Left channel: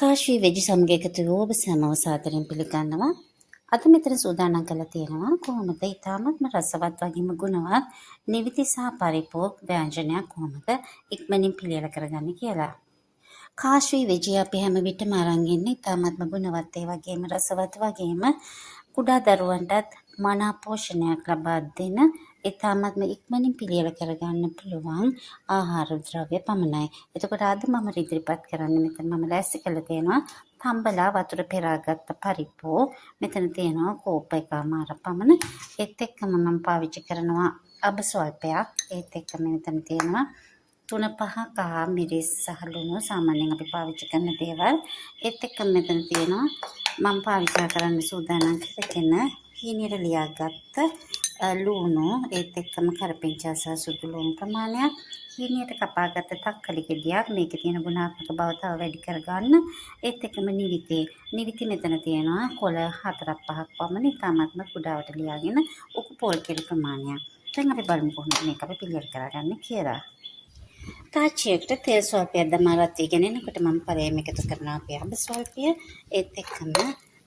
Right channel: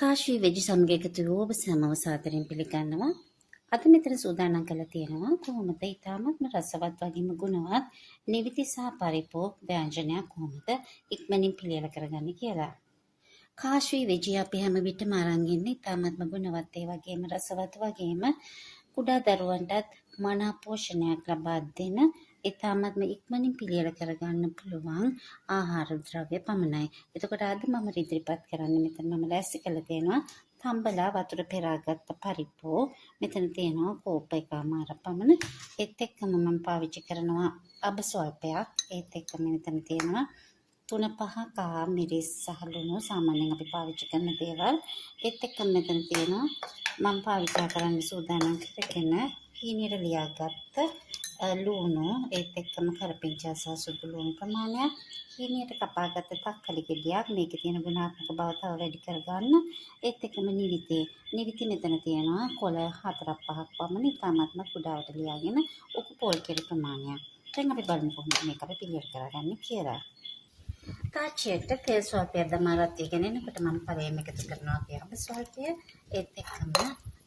කාශ්වී වෙජි සමග එකතු වූ ඔබ සැමව සාදරයෙන් පිළිගන්නවා. අද මෙතන සූදානම් කරලා තියෙනවා කොහොමද ඉතාමත්ම රසවත් වගේම ගුණවත් නිවිති සහ පරිපෝක් ව්‍යංජනයක් කොහොමද ඉක්මනින් පිළියෙල කරගන්නේ කියලා. කාශ්වී වෙජි අපි හැම විටම අරන් ඉන්නේ ඉතාමත්ම ගුණවත් ඒ වගේම රසවත් වගේම කුඩා දරුවන්ටත් මනා පෝෂණයක් ලබා දෙන ඉතාමත්ම ඉක්මනින් පිළියෙල කරගන්න පුළුවන් ආහාර ද්‍රව්‍ය පමණයි. එතකොට අද මම ඉදිරිපත් කරන්නේ මෙතන මම ලෑස්ති කරලා තියෙනවා තම්බලා වතුර පෙරාගත්ත පරිප්පු. මෙතන තියෙනවා කෝප එකමාර පමණ. ඒත් එක්කම මම පාවිච්චි කරනවා අබ ස්වල්පයක්. ඒත් එක්කම මෙතන තියෙනවා 3-5 කහ මිරිස් සහ ලුණු සාමාන්‍යයෙන් අපි පාවිච්චි කරන දේවල්. ඒත් එක්කම මෙතන තියෙනවා මම පාවිච්චි කරන්න සූදානම් කරගෙන හීනියට ලියාගත්ත ලුණු ඒත් එක්කම කරපිංචා සහ සුදු ලුණු ප්‍රමාණයක් හීනියට කපාගත්ත තක්කලි ගෙඩියක් මේකේ තියෙන ගුණාත්මක බව තව වැඩි කරගන්න ඒත් එක්කම නිවිති මෙතන තියෙනවා කොළ 4-5ක් පමණ ඉතාමත්ම කුඩාවට ලියාගෙන උකු පොල් කිරි ප්‍රමාණයක්. දැන් අපි බලමු කොහොමද මේක අපි පිළියෙල කරගන්නේ කියලා. තාච්චියකට තෙල් ස්වල්පයක් දමා රත් වීගෙන එනකොට මම පළවෙනිම එකතු කරනවා අපේ අඹ ස්වල්පය. ඒත් එක්කම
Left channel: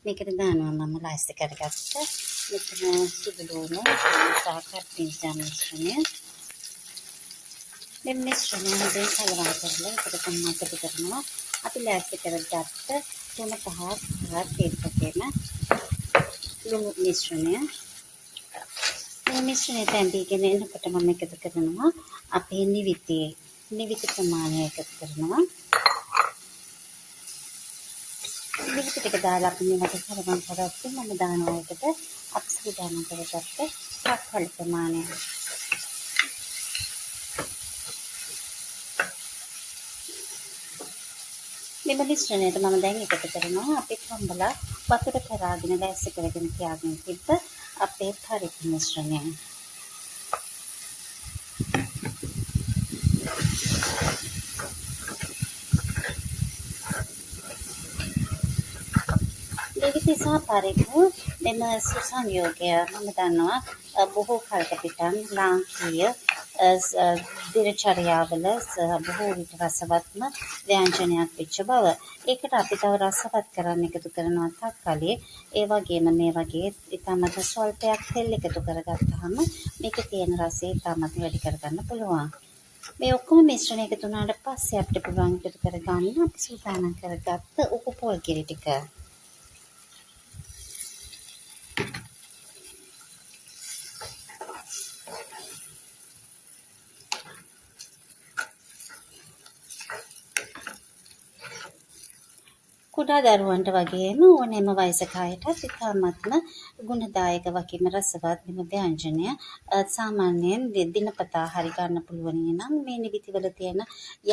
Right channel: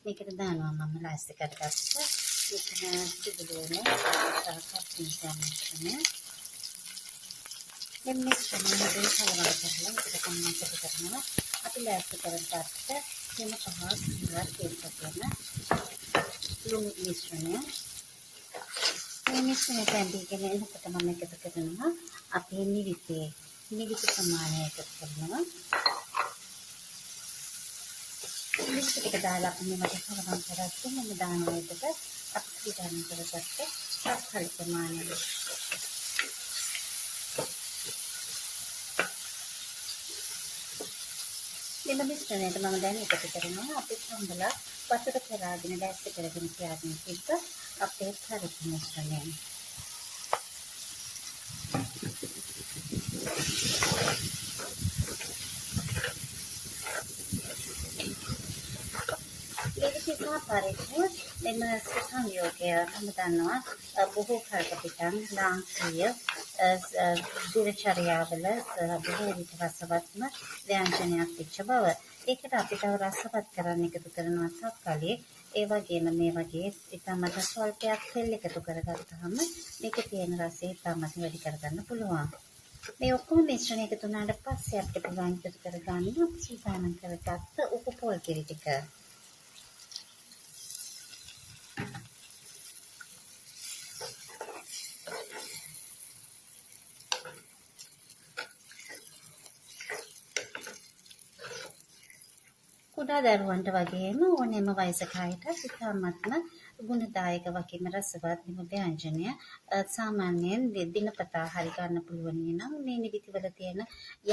මේකට දානවා මම ලයිස්ට් කරගත්ත මෙතන සුදු ලුණු සහ කරපිංචා මිශ්‍රණය. මේ මිශ්‍රණය හොඳින් කලවම් කරලා ඒකට මම එකතු කරනවා අපි ලෑස්ති කරගත්ත 3-5 තේල් පොතේම ලුණු මිශ්‍රණය. මේ මිශ්‍රණය තැඹීගෙන එනකොට මම එකතු කරනවා අපේ නිවිති ප්‍රමාණය එකතු කරනවා. නිවිති ටික දාලා අපි මේකට කරවම් කරද්දී මම දානවා එකට අපි සූදානම් කරගත්ත තක්කලි ප්‍රමාණය. මෙම මිශ්‍රණයට මම දැන් එකතු කරනවා අපි තම්බලා වතුර කරාගෙන ලෑස්ති කරගෙන තියාගෙන තිබ්බ අපේ පරිප්පු මිශ්‍රණය. නිවිති සහ පරිප්පු මෙම සංයෝගය මම දන්නවා බොහෝ කාලයක පිටන් ලාංකීය දිනචර්යාවල බොහෝ විට රසවත්ම ව්‍යංජනයක් වෙච්ච බව. ඒකට අපි තව රසවත් කරන්න එකතු කරනවා තක්කලි. ඒ වගේම මේ වගේ ඉතාමත් ස්වල්පයක් තෙල් එකතු කරගත්තාම මේකේ තියෙන රසය ඉතාමත් වැඩි කරගන්න පුළුවන්. මේ ඔක්කොම මිශ්‍රණය එකතු වුණාට පස්සේ අපිට පුළුවන් එකතු කරගන්න අපි සූදානම් කරගත්ත උකු පොල් කිරි ටික. කුඩා දරුවන්ට වගේම ඕනෑම වයසක අයටත් ඉතාමත්ම ගුණදායක වගේම රසවත් මෙම ව්‍යංජනය සාමාන්‍යයෙන් දිනපතා හරි ගන්න පුළුවන් නම් මේ නිවිතිවල තියෙන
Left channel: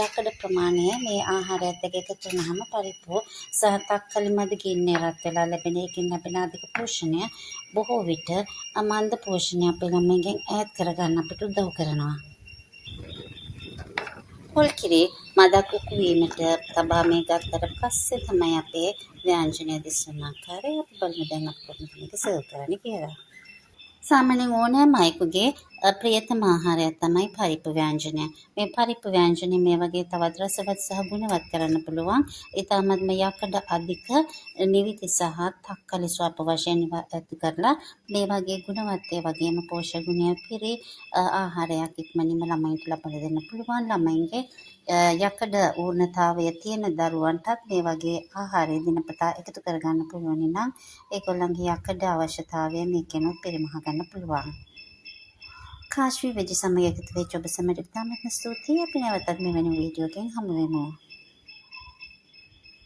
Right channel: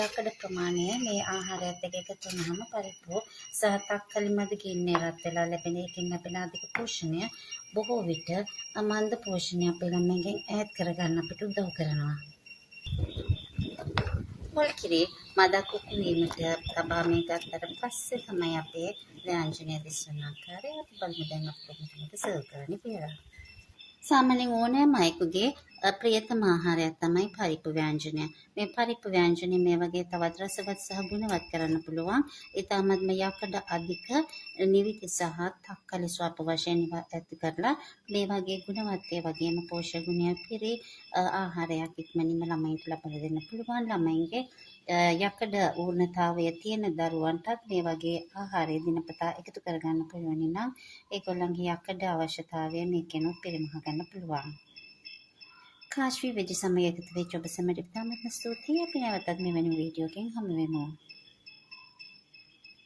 යකඩ ප්‍රමාණය මේ ආහාරයත් එක්ක එකතු වුනහම පරිප්පු සහ තක්කලි මද ගින්නේ රත් වෙලා ලැබෙන එකකින් ලැබෙන අධික පෝෂණය බොහෝ විට අමන්ද පෝෂණය අපේ ළමයින්ගෙන් ඈත් කරගන්න අපිට උදව් කරනවා. පොල් කිරි මදක් උකු වීමට තබා මේ ගත්තට පස්සේ තමයි අපේ ව්‍යංජනය දිස්වන ආකාරය අපි බලමු දැන් අපි කොහොමද මේක සර්ව් කරන්නේ කියලා. සාමාන්‍යයෙන් ඕනෑම අයෙකුගේ ප්‍රියතම ආහාරයක් තමයි පරිප්පු ව්‍යංජනය. මේ පරිප්පු ව්‍යංජනය මේ වගේ තවත් රසවත් සහ ගුණවත් කරන්න පුළුවන්. ඊටමත්ම යකඩ අධික නිවිති සහ තක්කලි ස්වල්ප වශයෙන් ඇති කරලා මේ වගේ ගුණවත් ඒ වගේම පෝෂක ගුණය පිරි ආහාරයක් ඉක්මනින්ම ළමයින්ට ලබා දෙන්න පුළුවන්. ළමයින්ගේ යකඩ ඌර්ණතාවය තියෙන දරුවන්ටත් මේ වගේ ආහාරය දිනපතා එකතු කරගන්න පුළුවන් නම් ඒගොල්ලන්ගේ යකඩ අවශ්‍යතාවය මේකෙනුත් පරිමහ ගන්න පුළුවන්. කාශ්වී වෙජි සමග එකතු වෙච්ච ඔබ සැමට ඉතාමත්ම ස්තුතියි. අපි නැවතත් මෙවැනි වීඩියෝකින් හමු වෙමු.